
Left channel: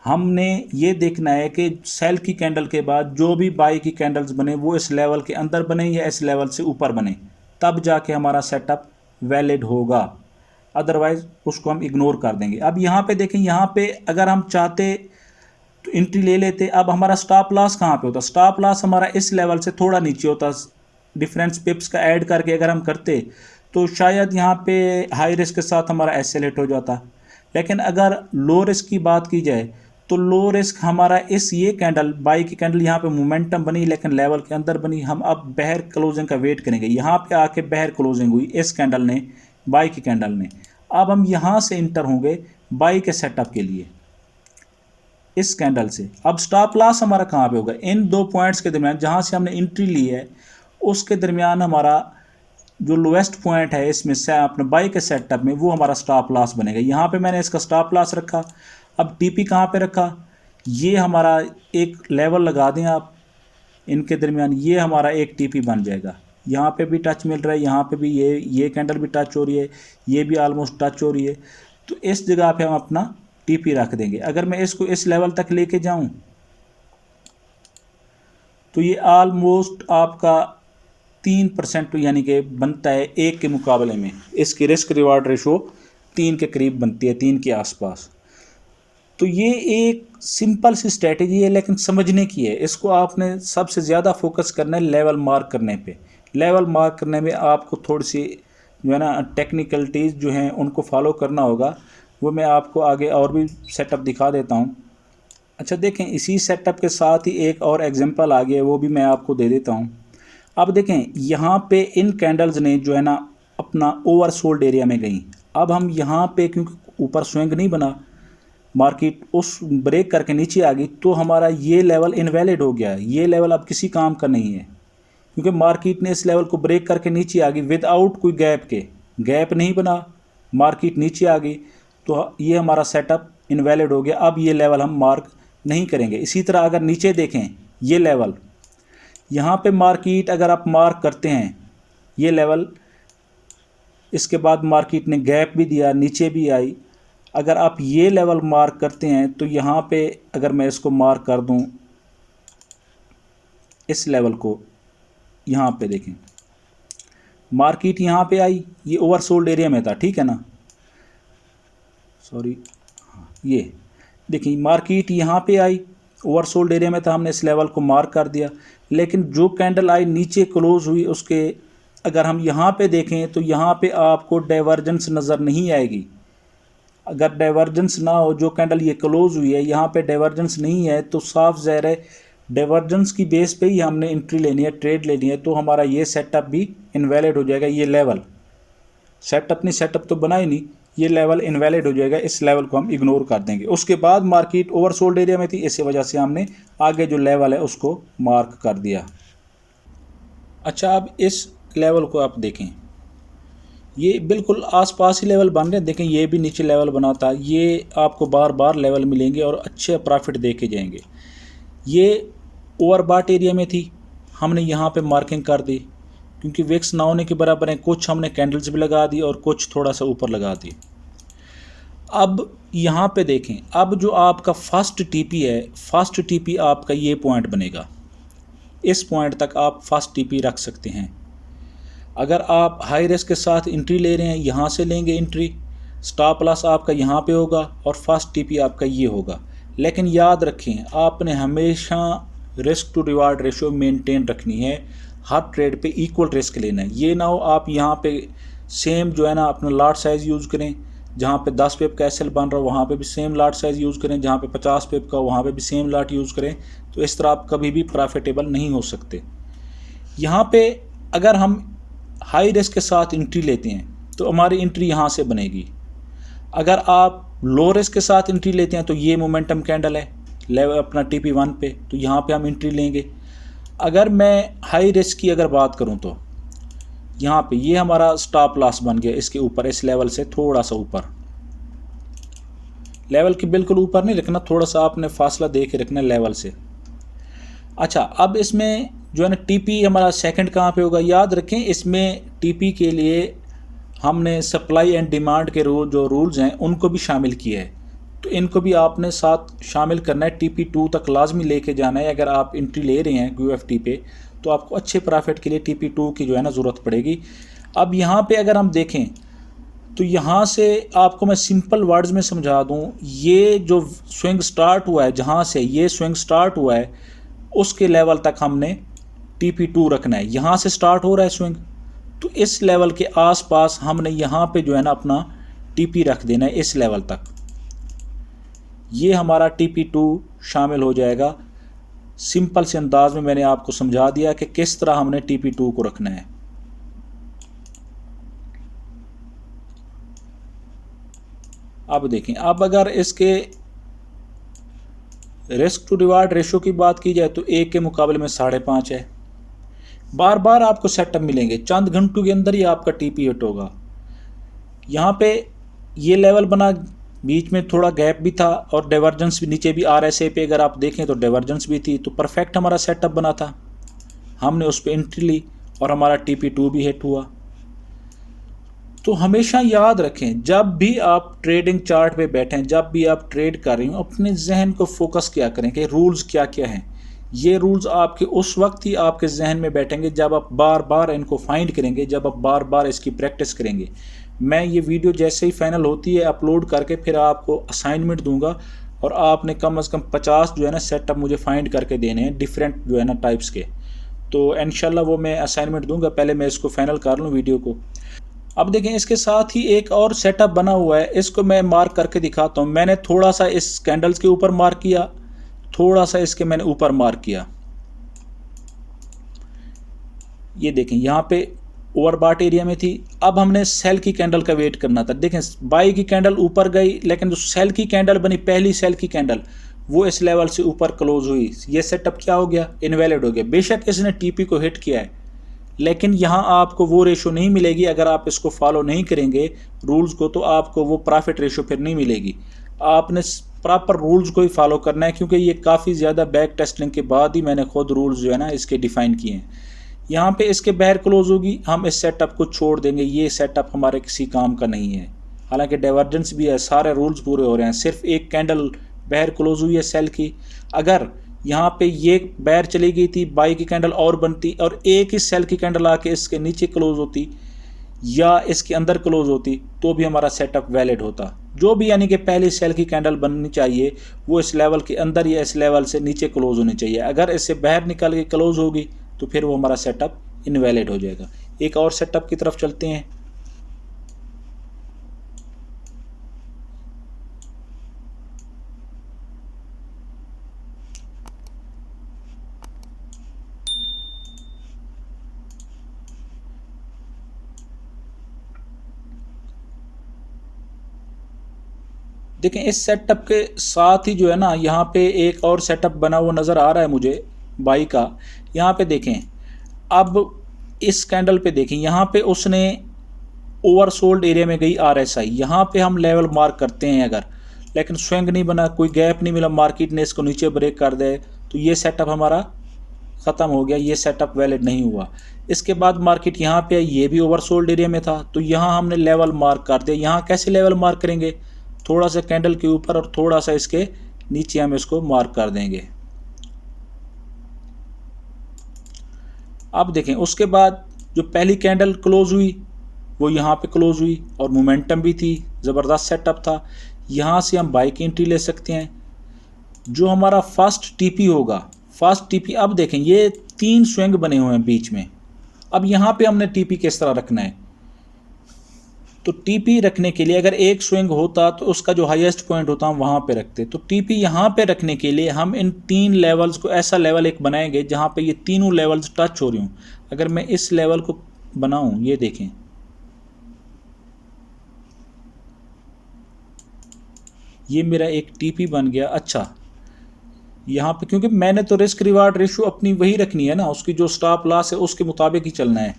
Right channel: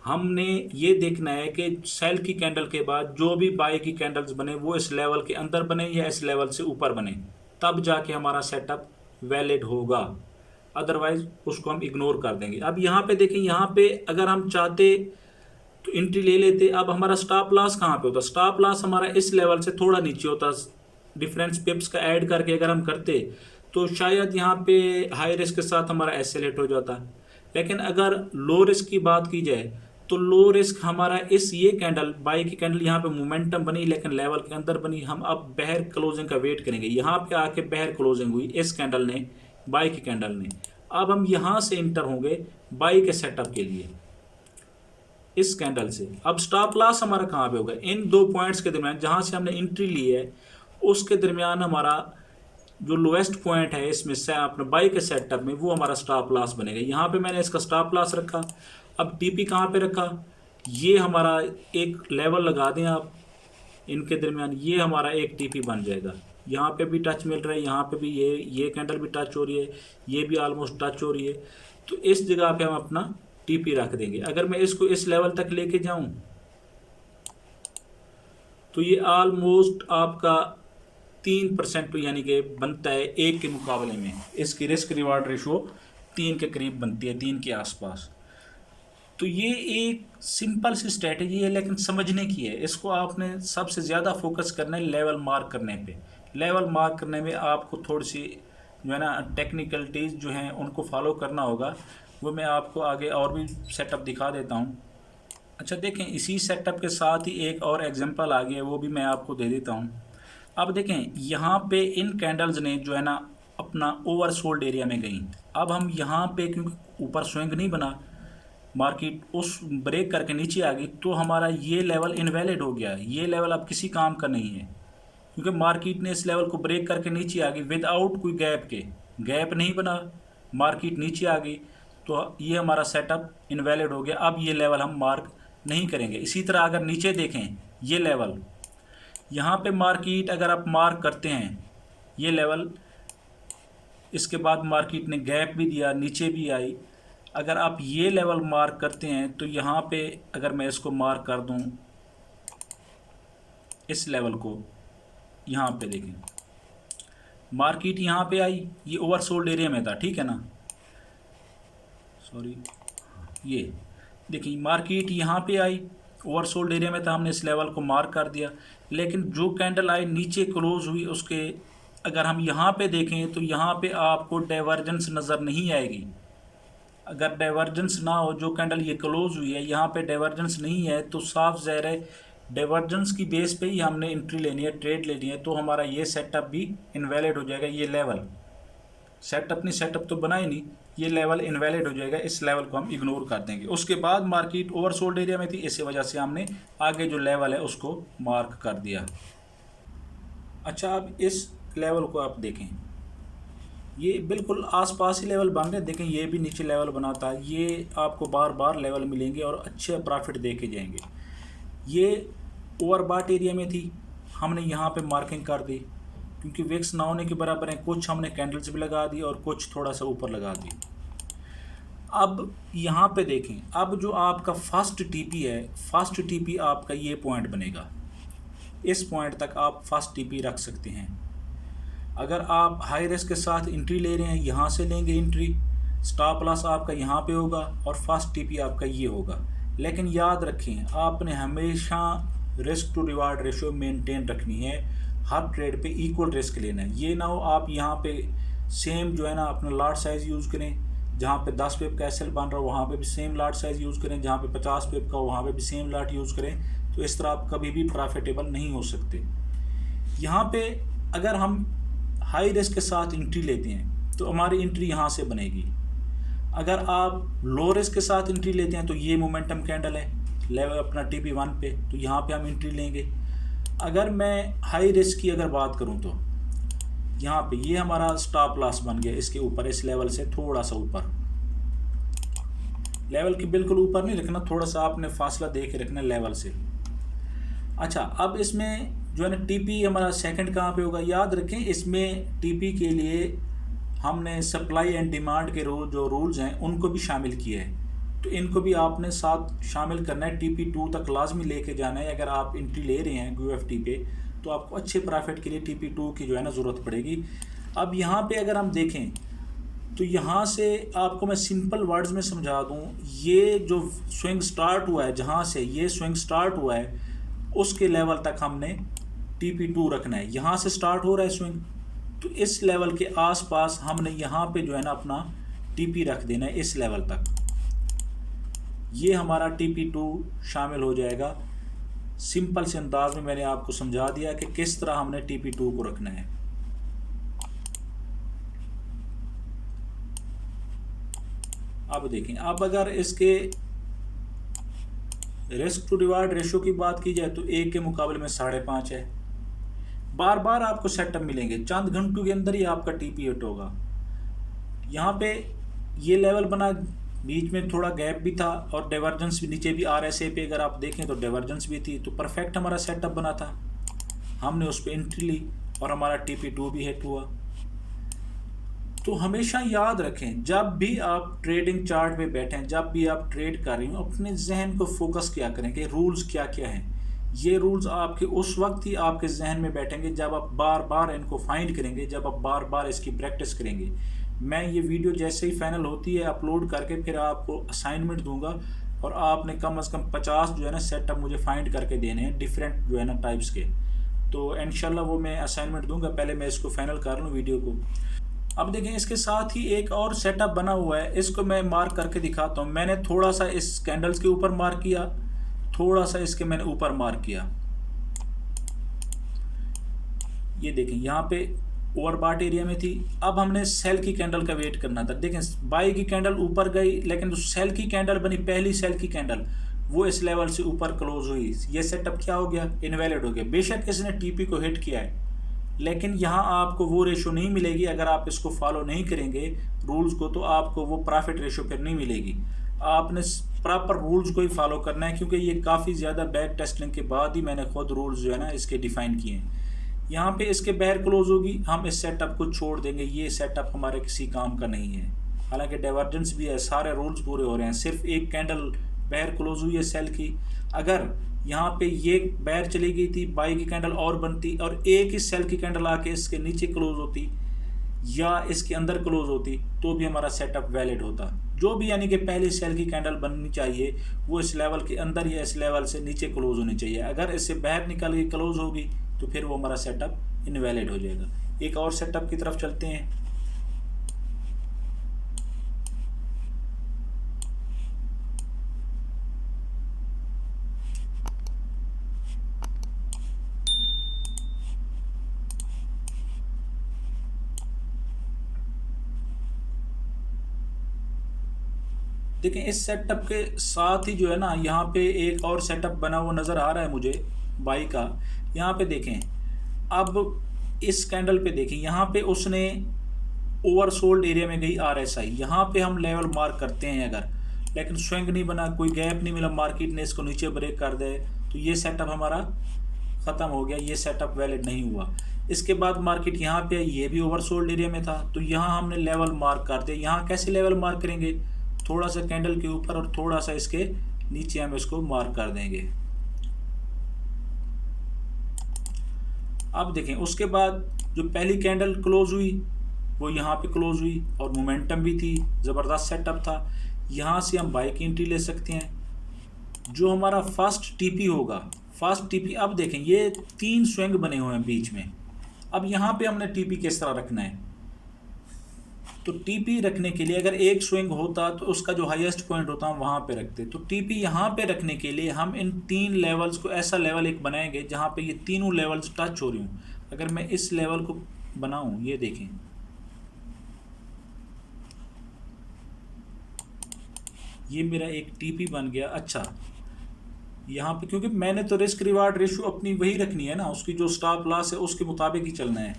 हमने ये देखना है कि सेल की कैंडल के बाद जो भी बाय की कैंडल्स बने वो इस लेवल के अंदर बने या इस लेवल से ऊपर बने, तब जाके हमारा सेटअप वैलिड होगा, अदरवाइज उसको हम इग्नोर कर देंगे। अब यहाँ पे देखें, यहाँ पे अगर हम चाहते तो एंट्री ले लेते। अब हमारा स्टॉप लॉस कहाँ पे होता? स्टॉप लॉस हमारा इस लेवल से थोड़ा नीचे होता। डिफरेंस पिप्स का ऐड करके अगर हम करते तो शायद यहाँ पे हाई रिस्क के साथ हमारा एस्केलेट हो जाता। लेकिन अगर लो रिस्क की बात की जाए तो लो रिस्क हमारा ये कैंडल, बाई की कैंडल यहाँ पे मोमेंटम बनी लेकिन लेवल के अंदर बनी। हम अब बाहर क्लोजिंग का वेट करेंगे। यहाँ पे आके बाहर क्लोजिंग हुई इस कैंडल ने, बाई की कैंडल ने। अब हम यहाँ से इंटर होंगे बाई के सेटअप के लिए इस कैंडल से। अब स्टॉप लॉस हमारा कहाँ पे होगा? इन दो पॉइंट्स के दरमियान जहाँ से हमने एंट्री ली है उसके दरमियान हमारा जो लोएस्ट पॉइंट है इसमें से अपने बाई के सेटअप में, वो हमारा स्टॉप लॉस बनेगा। यहाँ पे मैंने इसका स्टॉप लॉस रखा। अब टीपी कहाँ पे रखा? ये हमारा एक लेवल लगा दें आप इनके दरमियान, ये हमारा एक टीपी बन जाएगा। यहाँ पे भी टच मिल रहा है, यहाँ पे भी ये कैंडल भी टच हो रही है, ये भी ऑलमोस्ट टच हो रही है। तो इस जगह पे हम अपना टीपी रख देंगे। अगर मैं इसको इस लेवल तक लेके जाऊं तो ये ऑलमोस्ट आपका 3% यानी कि बनता है 1 के मुकाबले में। इसकी रिस्क रिवार्ड रेशो 3 के करीब बनती है, 3 के आसपास। तो ये एक सिंपल सी स्ट्रेटेजी है लेकिन समझने की है। इसको आपने सबसे ज़्यादा फोकस करना है लेवल मार्क करने पे। लेवल मार्क करने में आपको थोड़ी सी जो है ना टेक्निकलिटीज़ जो हैं उनको फॉलो करना होगा। वो मैं आपको आगे और भी सेटअप दिखा देता हूँ। अच्छा देखें, इसी सेटअप के साथ ही एक और एग्जांपल आ गया है, वो भी मैं आपको दे देता हूँ। अब देखें, यहाँ पे इन कैंडल्स ने जो है ना अपना ओवरसोल्ड एरिया में गई। अब हम यहाँ पे क्योंकि ऊपर स्विंग नहीं बना, मार्केट उस ब्रेक करके नीचे आ गई, तो हमारा ये लेवल इनवैलिड हो गया। ये लेवल अब किसी काम का नहीं है क्योंकि मार्केट ने इस लेवल को ब्रेक करके नीचे आ गई विदाउट कोई गैप के। गैप नहीं बना, मार्केट नीचे आ गई, तो ये हमारा सेटअप इनवैलिड हो गया। अब ये लेवल हम मार्क नहीं करेंगे। इसी तरह अगर नीचे देखें, ये लेवल यहाँ पे मार्केट अगर आप मार्क करते हैं ये लेवल, इसके बाद मार्केट ने गैप भी दिया, नीचे भी आई। अगर आप ये लेवल मार्क करते हैं तो यहाँ पे अगर मैं इसको मार्क कर दूँ, इस लेवल को, यहाँ पे देखें मार्केट यहाँ पे आई, ये ओवरसोल्ड एरिया में था, ठीक है ना, सॉरी, ये देखिए मार्केट यहाँ पे आई, ओवरसोल्ड एरिया में था, हमने इस लेवल को मार्क कर दिया। लेकिन जो कैंडल आई नीचे क्लोज हुई उसके अगर हम यहाँ पे देखें तो यहाँ पे आपको डाइवर्जेंस नज़र नहीं आएगी। अगर डाइवर्जेंस ना हो, जो कैंडल ये क्लोज हुई है यहाँ पे डाइवर्जेंस नहीं है, तो साफ ज़ाहिर है डाइवर्जेंस की बेस पे ही हमने एंट्री लेनी है, ट्रेड लेनी है, तो हमारा ये सेटअप भी इनवैलिड हो जाएगा। ये लेवल सेटअप तो बना ही नहीं, ये लेवल इनवैलिड हो जाएगा। इस लेवल को हम इग्नोर कर देंगे। उसके बाद मार्केट ओवरसोल्ड एरिया में थी, इसी वजह से हमने आगे जो लेवल है उसको मार्क कर दिया। अच्छा, अब इस लेवल को आप देखें, ये बिल्कुल आसपास ही लेवल बन रहे हैं। देखें, ये भी नीचे लेवल बना था, ये आपको बार बार लेवल मिलेंगे और अच्छे प्रॉफिट दे के जाएंगे। ये ओवरबॉट एरिया में थी, हमने यहाँ पे मार्किंग कर दी क्योंकि विक्स ना होने के बराबर है। कुछ हमने कैंडल्स भी लगा दी और कुछ थोड़ा सा ऊपर लगा दी। अब यहाँ पे देखें, अब जो आपका फर्स्ट टीपी है, फर्स्ट टीपी आपका ये पॉइंट बनेगा। इस पॉइंट तक आप फर्स्ट टीपी रख सकते हैं। अगर आप हाई रिस्क के साथ एंट्री ले रहे हैं, यहाँ से लेंगे एंट्री, स्टॉप लॉस आपका यहाँ पे होगा और फर्स्ट टीपी आपका ये होगा। लेकिन याद रखें, आपने हमेशा risk to reward ratio maintain रखनी है, हर ट्रेड पे इक्वल रिस्क लेना है। ये ना हो आप यहाँ पे सेम जो है ना अपना लॉट साइज़ यूज़ करें, जहाँ पे 10 पिप का एसएल बन रहा हो वहाँ पे भी सेम लॉट साइज़ यूज़ करें, जहाँ पे 50 पिप का वहाँ पे भी सेम लॉट यूज़ करें। तो इस तरह आप कभी भी प्रॉफिटेबल नहीं हो सकते। यहाँ पे अगर हम हाई रिस्क के साथ एंट्री लेते हैं तो हमारी एंट्री यहाँ से बनेगी। अगर आप लो रिस्क के साथ एंट्री लेते हैं तो ये मोमेंटम कैंडल है लेवल अपना TP1 पे, तो यहाँ पे हम एंट्री लेंगे। अगर मैं हाई रिस्क की अगर बात करूँ तो यहाँ पे ये हमारा स्टॉप लॉस बन गया इसके ऊपर, इस लेवल से थोड़ा सा ऊपर, लेवल के बिल्कुल ऊपर नहीं रखना, थोड़ा सा आपने फासला दे के रखना लेवल से। अच्छा, अब इसमें जो है ना टीपी हमारा सेकंड कहाँ पे होगा, याद रखें इसमें टीपी के लिए हमने सप्लाई एंड डिमांड के जो रूल्स हैं उनको भी शामिल किया है, तो इनको भी आपने साथ शामिल करना है। TP2 तक लाजमी लेके जाना है। अगर आप एंट्री ले रहे हैं QFT पे तो आपको अच्छे प्रॉफिट के लिए TP2 की जो है ना ज़रूरत पड़ेगी। अब यहाँ पे अगर हम देखें तो यहाँ से आपको मैं सिंपल वर्ड्स में समझा दूँ, ये जो स्विंग स्टार्ट हुआ है, जहाँ से ये स्विंग स्टार्ट हुआ है उसके लेवल तक हमने TP2 रखना है। यहाँ से स्टार्ट हो रहा है स्विंग, तो इस लेवल के आसपास हमने यहाँ पे जो है ना अपना TP रख देना है इस लेवल तक। ये हमारा TP2 शामिल हो जाएगा। सिंपल से अंदाज में मैंने आपको समझा दिया कि किस तरह हमने TP2 को रखना है। अब देखें, अब अगर इसके रिस्क टू रिवार्ड रेशो की बात की जाए तो 1 के मुकाबले में 5.5 है। बार बार आपको सेटअप मिलेंगे, चंद घंटों के अंदर ही आपका TP हिट होगा। यहाँ पे ये लेवल बना, बीच में थोड़ा गैप भी था और डाइवर्जेंस भी, नीचे भी RSA पे अगर आप देखें तो डाइवर्जेंस भी थी, तो परफेक्ट हमारा सेटअप बना था। हमने उस पर एंट्री ली और हमारा TP2 भी हिट हुआ। तो हमेशा याद रखें, जब भी आप ट्रेडिंग चार्ट पे बैठें, जब भी आप ट्रेड कर रही हो, अपने जहन को फोकस किया करें कि रूल्स क्या क्या हैं। ये रूल्स आपके उस वक्त ही आपके जहन में बैठेंगे जब आप बार बार इनको फाइंड करेंगे, जब आप बार बार इसकी प्रैक्टिस करेंगे। मैं ये वीडियो जैसे ही फाइनल होती है अपलोड करके फिर आपको असाइनमेंट दूंगा और आपने कम से कम 50 जो है ना सेटअप मुझे फाइंड करके देने हैं डिफरेंट जो है ना टाइप्स के। तो इंशाल्लाह वो मैं असाइनमेंट दूंगा, पहले मैं इसको फाइनल कर लूँ वीडियो को। अब देखें, इसके साथ ही एक और सेटअप बना हुआ है, इसको मैं मार्क करके दिखाता हूँ। मैंने थोड़ा सा इस कैंडल्स के ऊपर मार्क किया, थोड़ा सा इसके मैंने ऊपर मार्क किया। ये देखें यहाँ पे ओवरबॉट एरिया में थी। अब हमने सेल की कैंडल का वेट करना था। देखें, बाई की कैंडल ऊपर गई, लेकिन जो सेल की कैंडल बनी, पहली सेल की कैंडल, वो इस लेवल से ऊपर क्लोज हुई। ये सेटअप क्या हो गया, इनवैलिड हो गया। बेशक इसने TP को हिट किया है, लेकिन यहाँ आपको वो रेशो नहीं मिलेगी। अगर आप इसको फॉलो नहीं करेंगे रूल्स को, तो आपको वो प्रॉफिट रेशो फिर नहीं मिलेगी। आपने प्रॉपर रूल्स को ही फॉलो करना है, क्योंकि ये काफ़ी ज़्यादा बैक टेस्टिंग के बाद ही मैंने खुद रूल्स जो है ना इसके डिफ़ाइन किए हैं। यहाँ पे इसके बाहर क्लोज होगी, हम इस सेटअप को छोड़ देंगे। ये सेटअप हमारे किसी काम का नहीं है। हालांकि डाइवर्जेंस भी है, सारे रूल्स पूरे हो रहे हैं, सिर्फ एक कैंडल बाहर क्लोज हुई है सेल की। अगर यहाँ पे ये बाहर चली गई थी, बाई की कैंडल और बनती और एक ही सेल की कैंडल आके इसके नीचे क्लोज होती या इसके अंदर क्लोज होती, तो भी हमारा सेटअप वैलिड होता। जो भी, यानी कि पहली सेल की कैंडल बननी चाहिए वो इस लेवल के अंदर या इस लेवल से नीचे क्लोज होनी चाहिए। अगर इससे बाहर निकल के क्लोज होगी तो फिर वो हमारा सेटअप इनवैलिड हो जाएगा। एक और सेटअप की तरफ चलते हैं। देखें, इस सेटअप के साथ ही जो है ना यहाँ पे एक और सेटअप बना हुआ नज़र आ रहा है मुझे बाई का। यहाँ पे देखें, अब इस कैंडल पे देखें, यहाँ पे उसने ओवरसोल्ड एरिया में गई RSI। यहाँ पे हम लेवल मार्क करते हैं अगर, लेकिन स्विंग नहीं बना, कोई गैप नहीं मिला, मार्केट ने इसको नीचे ब्रेक कर दे, तो ये सेटअप हमारा ख़त्म हो गया, ये सेटअप वैलिड नहीं हुआ। इसके बाद मार्केट यहाँ पे आई, ये भी ओवरसोल्ड एरिया में था, तो यहाँ हमने लेवल मार्क कर दिया। यहाँ कैसे लेवल मार्क करेंगे, थोड़ा सा कैंडल के ऊपर और थोड़ा सा इसके नीचे हम इसको मार्क कर देंगे। अब देखें उसके बाद जो पहली कैंडल क्लोज हुई वो यहाँ पे क्लोज हुई और मोमेंटम भी थी, ज़बरदस्त सेटअप था। यहाँ से हम बाई की एंट्री ले सकते हैं। जो हमारा फर्स्ट टीपी होगा, फर्स्ट टीपी, अब देखें ये 3 स्विंग बने हुए हैं बीच में। अब यहाँ पे हमने टीपी किस तरह रखना है, तो टीपी रखने के लिए अगर एक स्विंग होता तो उसका जो हाईएस्ट पॉइंट होता हम वहाँ पे रखते। तो टीपी यहाँ पे रखने के लिए हम इन 3 लेवल्स को, ऐसा लेवल एक बनाएंगे जहाँ पे ये तीनों लेवल्स टच हो रही हूँ। अगर मैं इस लेवल को बनाऊँ, ये देखें, ये मेरा एक टीपी बन गया। अच्छा, यहाँ पे क्योंकि मैंने तो रिस्क रिवार्ड रेशियो अपनी वही रखनी है ना, उसकी जो स्टॉप लॉस है उसके मुताबिक ही चलना है।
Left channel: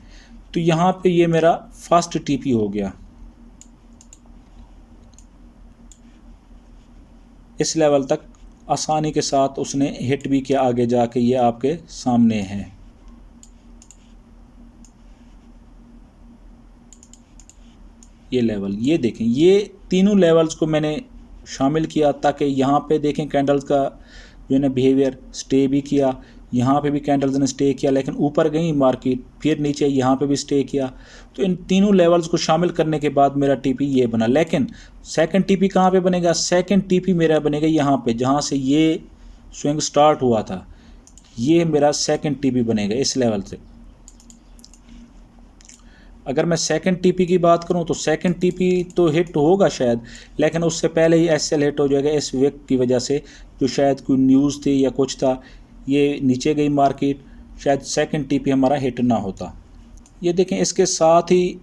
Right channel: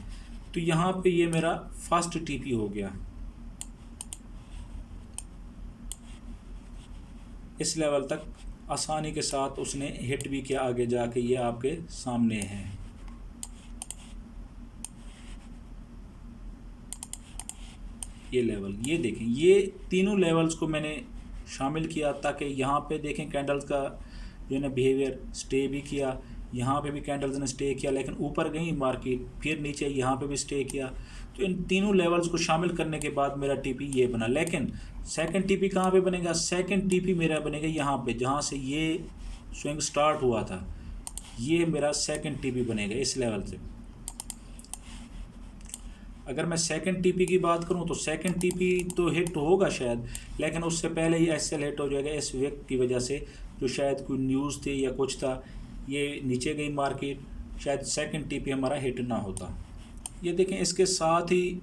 तो यहाँ पे ये मेरा फर्स्ट टीपी हो गया। इस लेवल तक आसानी के साथ उसने हिट भी किया, आगे जाके ये आपके सामने है। ये लेवल, ये देखें, ये तीनों लेवल्स को मैंने शामिल किया ताकि यहाँ पे देखें कैंडल्स का जो है ना बिहेवियर स्टे भी किया। यहाँ पे भी कैंडल्स ने स्टे किया, लेकिन ऊपर गई मार्केट, फिर नीचे यहाँ पे भी स्टे किया। तो इन तीनों लेवल्स को शामिल करने के बाद मेरा टीपी ये बना। लेकिन सेकंड टीपी कहाँ पे बनेगा, सेकंड टीपी मेरा बनेगा यहाँ पे, जहाँ से ये स्विंग स्टार्ट हुआ था। ये मेरा सेकंड टीपी बनेगा इस लेवल से। अगर मैं सेकंड टीपी की बात करूं तो सेकंड टीपी तो हिट होगा शायद, लेकिन उससे पहले ही एसएल हिट हो जाएगा इस वीक की वजह से, जो शायद कोई न्यूज़ थी या कुछ था, ये नीचे गई मार्केट, शायद सेकंड टीपी हमारा हिट ना होता। ये देखें, इसके साथ ही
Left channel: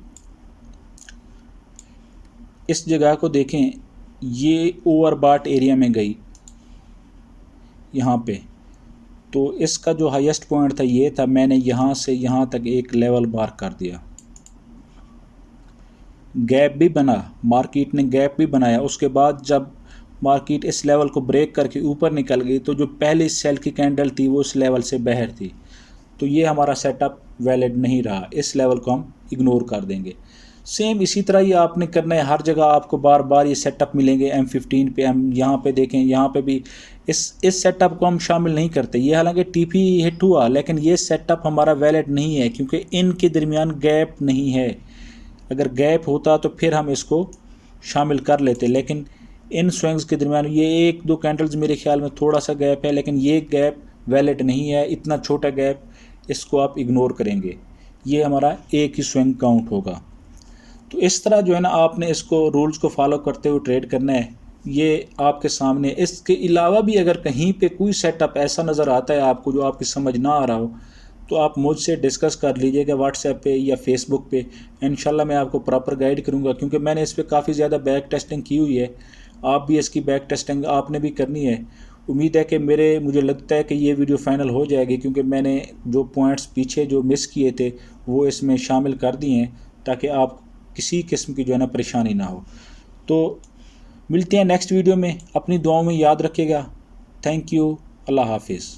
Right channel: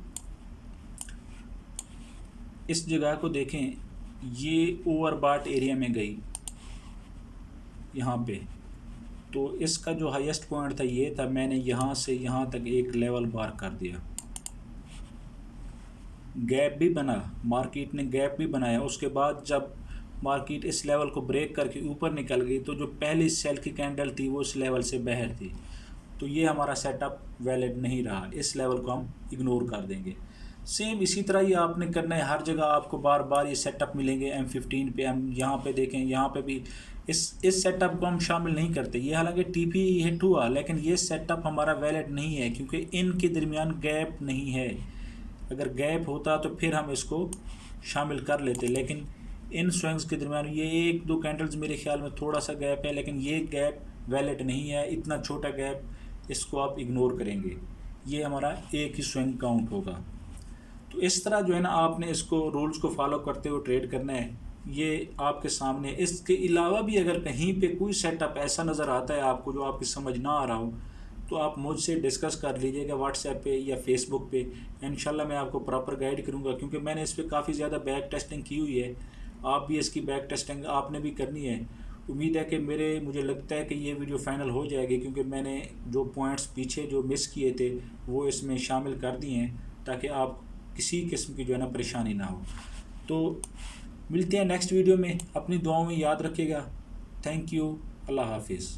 इस जगह को देखें, ये ओवरबॉट एरिया में गई यहाँ पे। तो इसका जो हाईएस्ट पॉइंट था ये था, मैंने यहाँ से यहाँ तक एक लेवल मार्क कर दिया। गैप भी बना, मार्केट ने गैप भी बनाया। उसके बाद जब मार्केट इस लेवल को ब्रेक करके ऊपर निकल गई तो जो पहली सेल की कैंडल थी वो इस लेवल से बाहर थी। तो ये हमारा सेटअप वैलिड नहीं रहा, इस लेवल को हम इग्नोर कर देंगे। सेम इसी तरह ही आपने करना है, हर जगह आपको बार बार ये सेटअप मिलेंगे। M15 पे हम यहाँ पे देखें, यहाँ पे भी इस सेटअप को हम शामिल नहीं करते। ये हालांकि टीपी हिट हुआ, लेकिन ये सेटअप हमारा वैलिड नहीं है क्योंकि इनके दरमियान गैप नहीं है। अगर गैप होता तो फिर हम इसको शामिल कर लेते, लेकिन इन स्विंग्स के दरमियान ये 1-2 कैंडल्स मेरे ख्याल में थोड़ा सा गैप है, लेकिन ये गैप वैलिड नहीं है। इतना छोटा गैप, इसको आप इग्नोर करेंगे, ये हमारा एक ही स्विंग काउंट होगा। तो इस तरह जो है ना, आपने इसको रूल्स को फॉलो करते हुए ट्रेड करना है। ये आपके सामने। इसके अलावा भी अगर कहीं पे कोई सेटअप ऐसा नज़र आता है आपको जो आपकी समझ ना आ रहा हो, तो आप मुझसे डिस्कस कर लीजिएगा व्हाट्सएप पे या फेसबुक पे। इंशाल्लाह मैं आपको प्रॉपर गाइड करूँगा, क्योंकि मैंने इस पर काफ़ी ज़्यादा बैक टेस्टिंग की हुई है। आप भी इसकी बैक टेस्टिंग आपने भी करनी है। उम्मीद है कि मुझे लगता है कि ये वीडियो फाइनल हो जाएगी, क्योंकि मैंने जो पॉइंट्स पीछे जो मिस किए थे वो इसमें शामिल कर दिए हैं, ताकि आप किसी किस्म की जो है ना परेशानी ना हो। तो मिलते हैं नेक्स्ट वीडियो में। अपनी दुआओं में याद रखिएगा। Thank you. अल्लाह हाफिज़।